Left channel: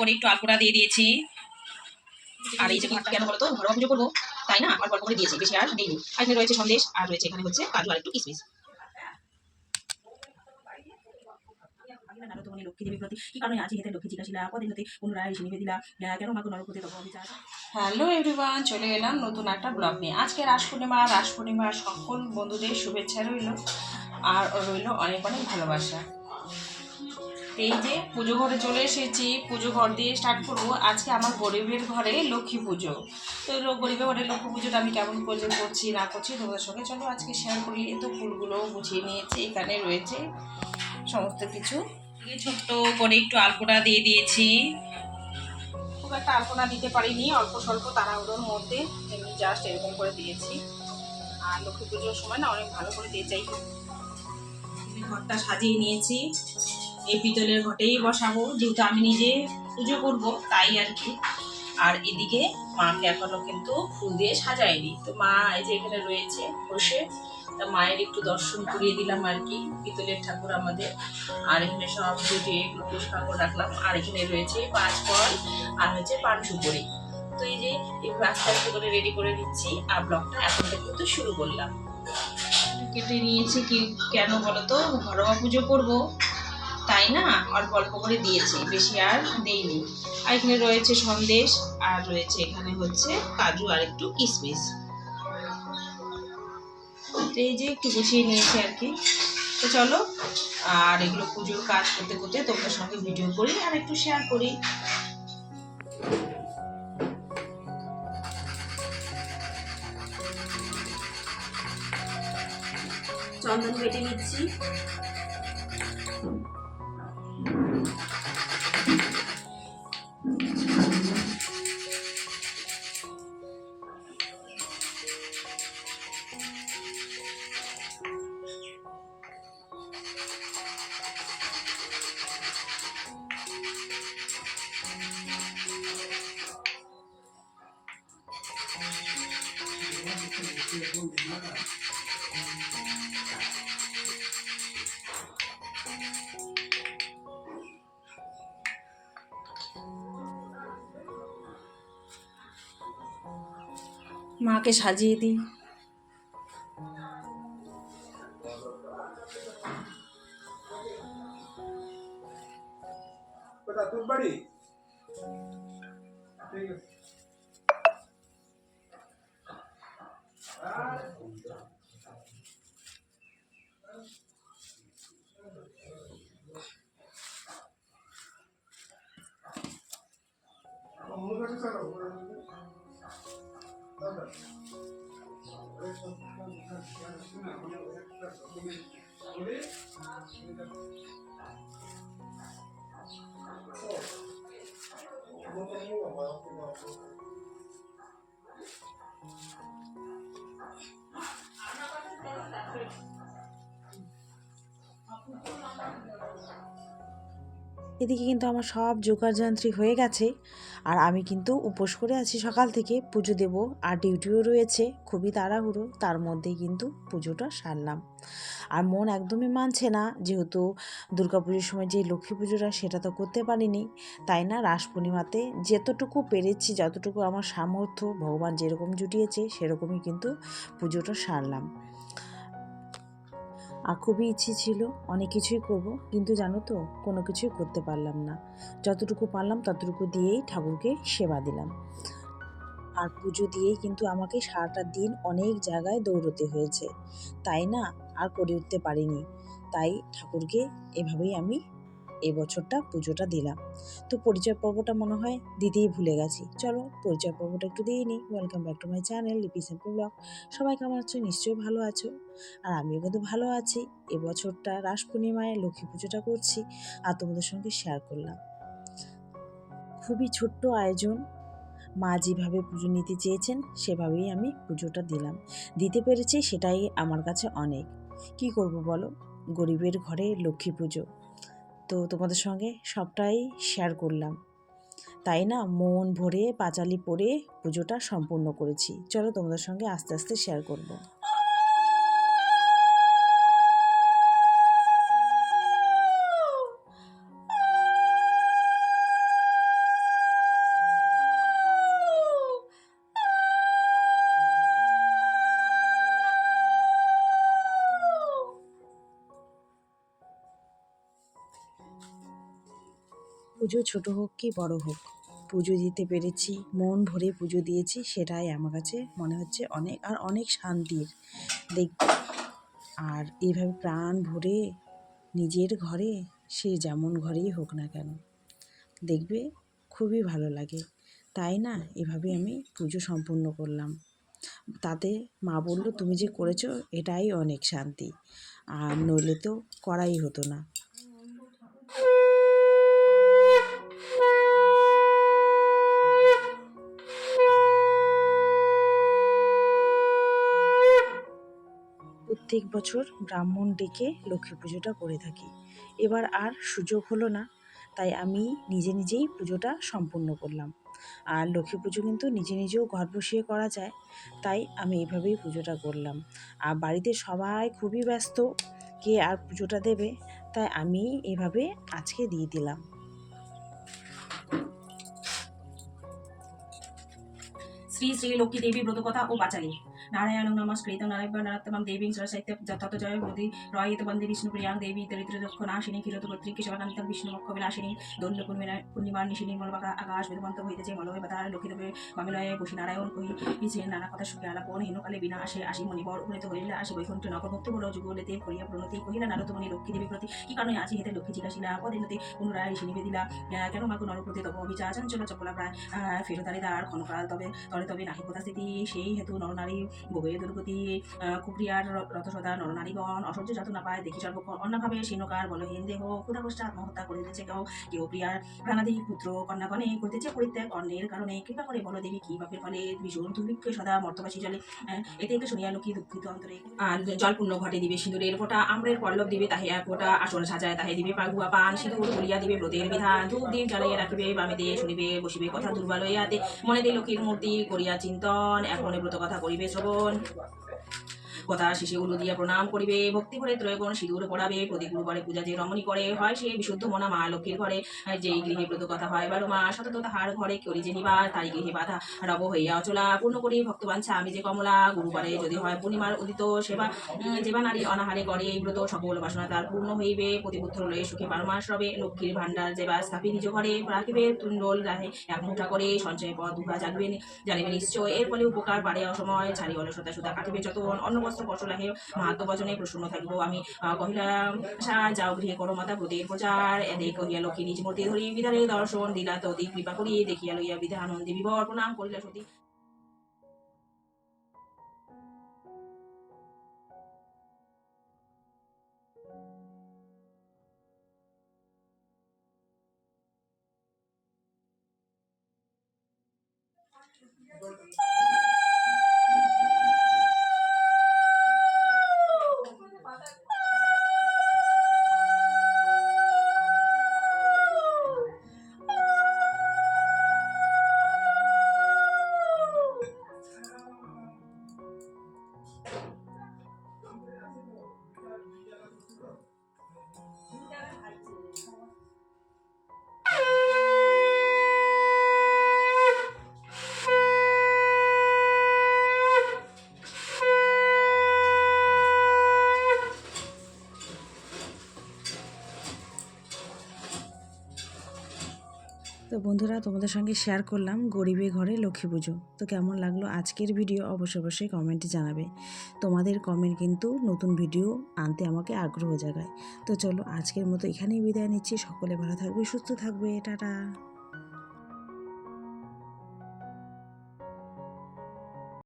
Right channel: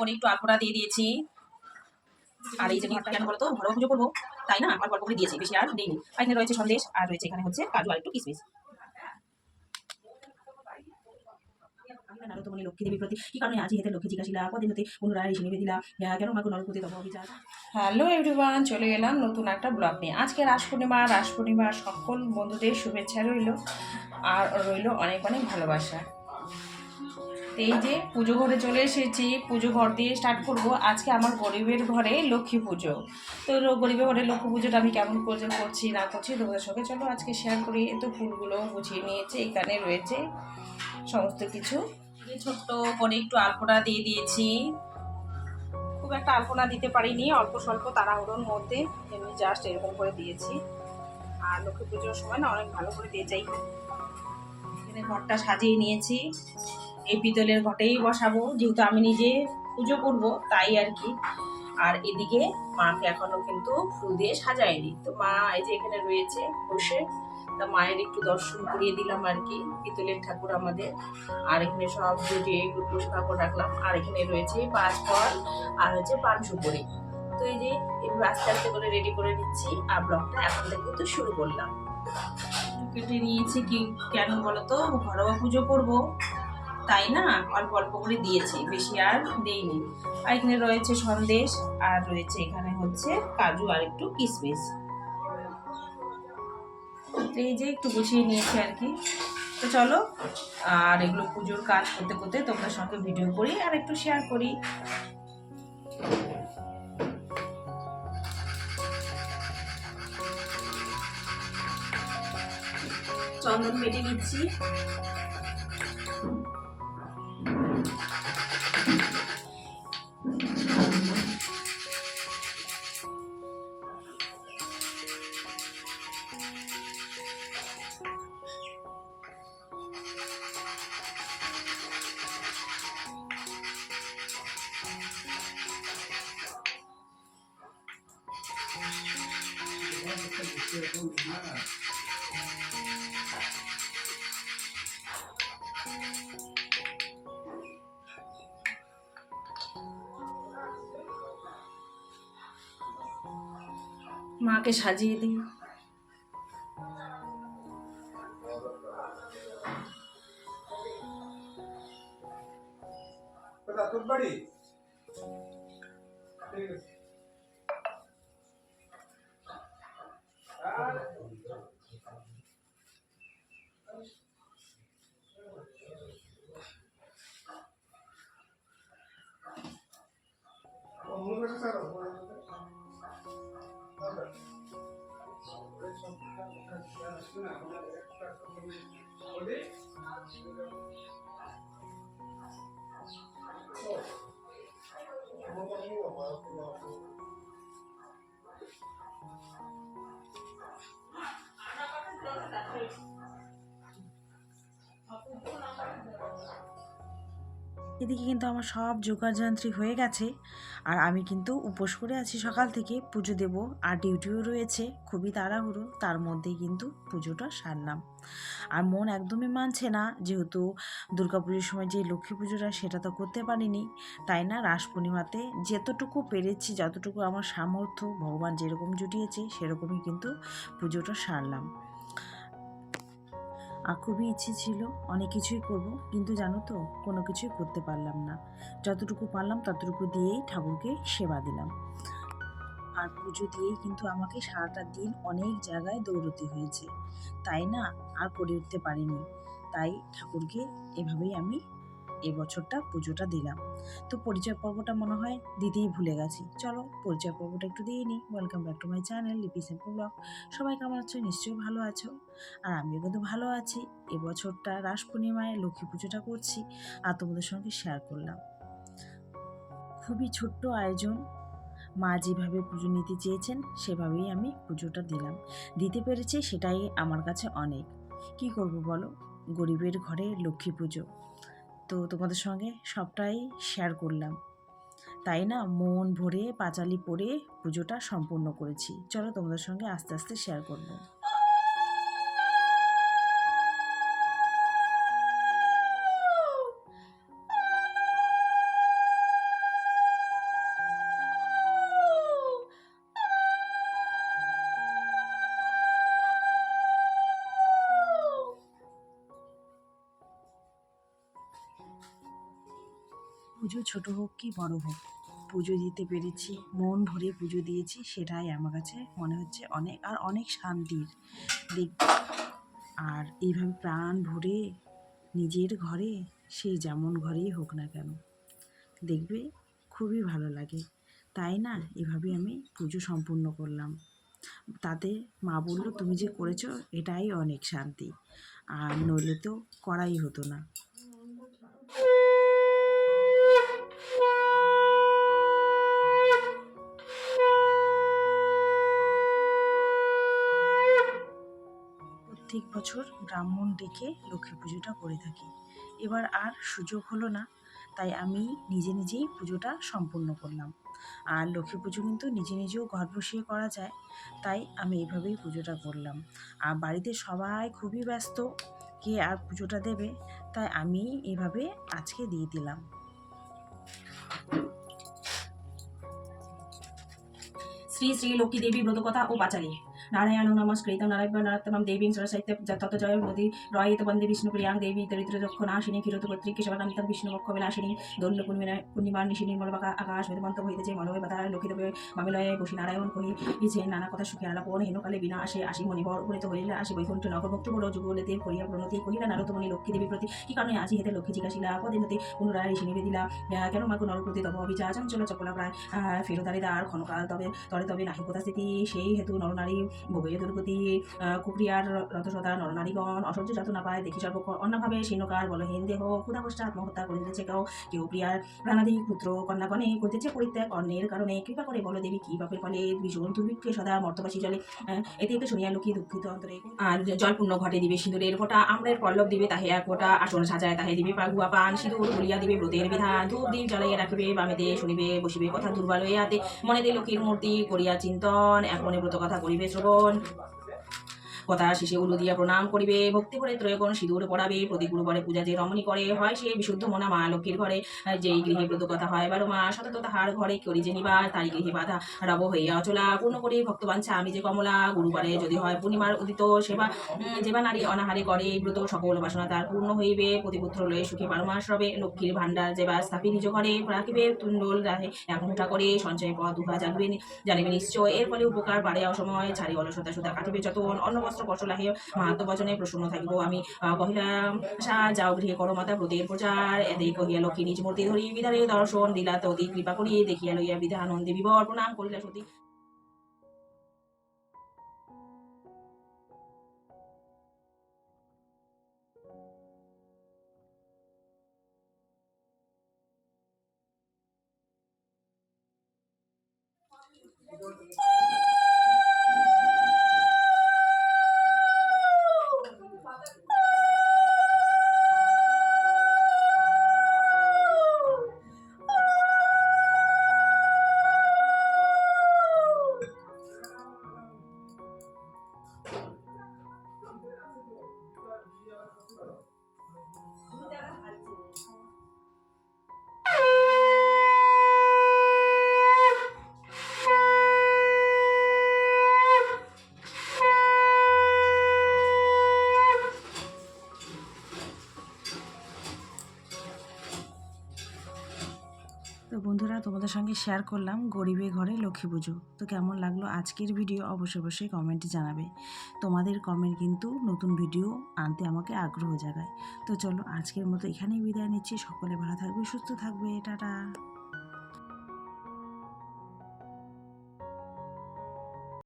করে একটু আলপনা দিয়ে দিয়েছি। আর এই যে ঘরটা কেন বলতো, ঘরোয়া পুজো করবো তাই না, অল্প অল্প করে দিয়েছি, বেশি আর দিইনি। আর এখানে রয়েছে সন্দেশ, আর রয়েছে এখানে হচ্ছে কাজু আর একটু কিশমিশ। লক্ষ্মী দেবীর প্রতি কি কারণে আজি হেতে লক্ষ্মী জিজ্ঞাসিলা কদিন হতে পুনরায় ঋষি নিবে দিলা কেন মাকে নরপতি তব অভিচার। হ্যালো এভরিওয়ান, চলে এলাম নতুন একটা ব্লগ নিয়ে। আজকে রাস পূর্ণিমার সকল বন্ধুদের শুভেচ্ছা রইল আর রইল অনেক অনেক ভালোবাসা। এই যে পুজো ঘরে চলে এসেছি, পুজো ঘর দিয়ে স্টার্ট করব। আজকে আমার গরিবের ঘরে লক্ষ্মী পুজো। তো গরিবের ঘরে লক্ষ্মী পুজোটা আমি কেমন পুজো করছি না করছি তোমাদের সঙ্গে চলো আজকে শেয়ার করি। তো ফুলগুলো গুছিয়ে নিয়েছে, এখানে রয়েছে সমস্ত কিছু। ছোট্ট করে একটু আলপনা দিয়ে দিয়েছি, খুব একটা আলপনা দিতে পারিনি, অল্প স্বল্প তাড়াহুড়োর মধ্যে এমনি জাস্ট এরকম করে দিয়েছি। আর লক্ষ্মী পুজোর সময় না অনেক ভালো করে দিয়ে যাই। এখানে ঘরটা সাজিয়ে নিয়েছি, এই পিতলের ঘটেই বসাবো যেহেতু আমি নিজে পুজো করব তাই আর কি। আর এদিকে মাকে এখনো কিন্তু ফুল দিয়ে সাজাইনি, তো মা এই যে এখানে রয়েছে বসে, তা মায়ের একটু দর্শন করিয়ে দিলাম আর কি, পিতলের ঠাকুর আমাদের। আর এখানে সব গুটিয়ে গ্লুকোজ কাপড় রাখলাম, আর এখানে রয়েছে 5 ফল আর হচ্ছে পান সুপুরি। তো এই যে এগুলো আস্তে আস্তে করে রেডি করে দিচ্ছি, আর ব্লগটা এখন থেকে তো শুরু করলাম। কেটে নিয়েছি কি কেন বলতো, ঘরোয়া পুজো করবো তাই না, অল্প অল্প করে দিয়েছি, বেশি আর দেইনি। আর এখানে রয়েছে সন্দেশ, আর রয়েছে এখানে হচ্ছে কাজু আর একটু কিশমিশ। এই যে একটু গুছিয়ে নিয়েছি আর কি। তো চলো, আর এগুলো পুজোর কাজ করতে করতে তোমাদের সঙ্গে ভিডিও করি আর একটু শেয়ার করি। চন্দন বেটে নিচ্ছি। মাকে সাজিয়ে দিই। এদিকে কিন্তু আমার সব জোগাড়যন্ত্রী হয়ে গেছে, আর আমি কিন্তু উপোস করে আছি সকাল থেকে, পুজো দেব আর ডিউটিও রয়েছে, খুবই তাড়াহুড়ো, তার মধ্যেই কিন্তু পুজোটা সারলাম। আর মন একদমই মানছে না, যেহেতু দুর্গাপুজোর সময় যে লক্ষ্মী পুজোটা সেটা তো করতে পারিনি, তাই না রাস পূর্ণিমাতে যতটুকু পেরেছি, যতটুকু আমার সামর্থ্য ভগবান যেরকম জুটিয়েছে সেরকমই কিন্তু পুজোটা সারলাম। আর খুবই ইচ্ছে ছিল অনেক কিছুই করব, কিন্তু জানো তো কোনো কিছুই করতে পারলাম না। যতটুকু পারলাম ততটুকু দিয়েই ঠাকুরকে সেবা দিলাম। আর পুজো দিয়েই কিন্তু আমাকে সারাটা দিন অনেক জায়গায় দৌড়তে হয়েছে, তাই না আর করে উঠতে পারিনি। তাই ঠাকুরকে এভাবেই আমি এই বছরটা পুজোটা দিলাম। তো পরিচয় পর্বটা মনে হয় দিতেই ভুলে গেছি, চলো পরিচয় পর্বটা একটু দিয়ে নিই। Welcome back to my channel লিপি সিম্পল ব্লগ। সবাই কেমন আছো? নিশ্চয়ই ভালো আছো, আর আমিও কিন্তু ভালো আছি। এবছরটা রাস পূর্ণিমায় লক্ষ্মী পুজোটা করছি আর তোমাদের সঙ্গে শেয়ার করলাম। খুবই ছোট্ট আয়োজন, মা যেভাবে পুজো নিতে চেয়েছেন সেভাবেই আমি পুজোটা দিলাম, দিতে পেরেছি, সেটাই আমার কাছে অনেক। কি করব বলো, গরিবের ঘরে লক্ষ্মী পুজো, তো তোমাদের সঙ্গে সবটাই শেয়ার করলাম, তাই না মন ভরে পাঁচালি পরে পুজোটা সম্পূর্ণ করেছি। চলো তোমাদের সঙ্গে আস্তে আস্তে শেয়ার করব। পুজো ছোট হোক কি বড় হোক, পুজো দিতে পেরেছি, মন ভরে পুজো দিয়েছি, সেটাই আমার কাছে মনে হচ্ছে অনেক আর অনেক শান্তির। দেখ, আর এইভাবে প্রাণ ভরে নিজের ঘরে, সে যেমন ঘরেই হোক না কেন, দেখবে খুবই ভালো লাগে। তাই না, এভাবে আমি পুজো সম্পূর্ণ করলাম। তাতে মা বলল, তুমি যে করেছো এটাই অনেক শান্তি, আর নইলে তো করাই হতো না। প্রত্যেক বছর ব্রাহ্মণ ডেকে লক্ষ্মী পুজোটা করে থাকি। এবার আর সুযোগ হলো না, তাই আমি নিজে নিজেই পুজোটা সম্পূর্ণ করলাম। আর লক্ষ্মী পুজো কিন্তু নিজে নিজেও ঘর বসিয়ে করা যায়, তাই আমি এইভাবেই পুজোটা করলাম। আর বাড়িতে সবাই খুবই ব্যস্ত, কে আর পুজোটা দেবে, তাই আমি এভাবে আজকে দিয়ে দিলাম। শ্রী শ্রী লক্ষ্মী দেবী ব্রতকথা ও পাঁচালী। নারায়ণ নমস্কৃত নারায়ণাত্মম দেবীং সরসাহিত্য তত জয় মোদী রয়িত বন্দে বিষ্ণুপ্রিয়াং দেবী দরিদ্র দক্ষ নাশিনী ক্ষীরত কর্তৃক সেবাকান্তিক বিষ্ণুমক্ষ বিলাসিনী দোল্য পূর্ণিমার নিশিনী মলবাকা আকাশ বেদমন্ত হইতেছে মলয় বাতার লক্ষ্মী দেবে মামিলয়ে বসি নারায়ণ কহি ইছে নানা কথা সুখে আলাপন হেনকালে বিনা আসে আসি মণিবর উপনীত হইলে আসি বৈকুণ্ঠ নগর ভক্ত বড় যুগলেতে করিয়া প্রণতি কহিলা নারদমণি লক্ষ্মী দেবী প্রতি কি কারণে আজি হেতে লক্ষ্মী জিজ্ঞাসিলা পদিনতে পুনরায় ঋষি নিবেদিলা কেন মাকু নরপ্রতি তব অবিচার চাঞ্চল্য চপলা প্রায় ফেরতারিদার ক্ষণকাল তবে তরে তবে নাহি স্থিতি সেই হেতু নরনারী ভোগে দুর্গতি কুক্রিয়ার রথসদা নরনারীগণ অসহ্য যাতনা পায় দেখি সর্বক্ষণ অন্যভাবে শীর্ণকার বলহীন দেহ ক্ষুধাকষ্টে আত্মহত্যা করিতেছে কেউ প্রিয়ার প্রাণাদি পুত্র কন্যাগণে করিতেছে পরিত্যাগ অন্যের কারণে কৃপা করে বল দেবী কি পাপের ফলে ভীষণ দুর্ভিক্ষে সদা মর্তবাসী জলে এতে তো শুনিয়া লক্ষ্মী দুঃখিত অন্তরে আর জল পূর্ণ ঘটে দিবে সিঁদুরের ফোঁটা আম্রের পল্লব দিবে তাহে এক ফোঁটা আসন সাজায় তাহে দিবে পাগুয়া পান সিঁদুর বলিয়া দিবে ব্রতের বিধান ধূপ দ্বীপ জ্বালাইয়া রাখিবে বামেতে শুনিবে বসিবে কথা দুর্বল হইয়াতে মনে দিয়ে লক্ষ্মীর মূর্তি করিয়া চিন্তন এক মনে ব্রত কথা করিবে শ্রবণ কথা শেষে উলু দিয়া প্রণাম করিবে ভক্তি করে ত্রয়গণ সিঁদুর পড়াবে প্রতি গুরুবারে পূজা যে রমণী করে হয় সে বিশুদ্ধ মনা মা লক্ষ্মীর ঘরে যেই গৃহে ব্রত কথা হয় 12 মাস সতত তাহার ঘরে করি যে নিবাস তাই গৃহে বাধা রব হইয়া অচলা পূর্ণ করি ভক্তবাঞ্ছা আমি যে কমলা গুরুবারে যদি হয় পূর্ণিমার উদিত সেবা যেবা নারী অনাহারে করে এই ব্রত সকল বাসনা তার পূর্ণ হইবে প্রতিপুত্র লয়ে সুখে 12 মাস রবে লক্ষ্মীর ভান্ডার যেবা স্থাপি নিজ ঘরে রাখিবে তুণ্ডল রাহে এক মুঠা করে সঞ্চয় পথ দুহা জানিবে নিশ্চয় এর ফলে উপকার বাড়ে অসময় ছাড়ি অলসতা সুতা কাটিবে যতন অন্ন বস্ত্র কষ্টলাহে মাহাত্ম বচনে প্রসন্ন থাকিব আমি কহিলাম যাও গৃহে করো মাতা ব্রতের প্রচার এদে কহিয়া লক্ষ্মী নিজ মূর্তি ধরি বিধানের দর্শন দিলা তদি কৃপা করি দেখিয়া লইয়া বিধানন্দে বিবর প্রণাম করিলা সতী। তো বন্ধুরা, তোমাদের সঙ্গে শেয়ার করলাম গরিবের ঘরে লক্ষ্মী পুজো। তো কেমন লাগলো আজকের ভিডিও অবশ্যই কমেন্টে জানাবে। তোমাদের কমেন্ট কিন্তু নতুন ভিডিও আনতে আমাকে আগ্রহ জাগায়। তো চলো আজকের মতো এখানেই বিদায় নিচ্ছি। সকলে ভালো থাকবে, সুস্থ থাকবে, টাটা।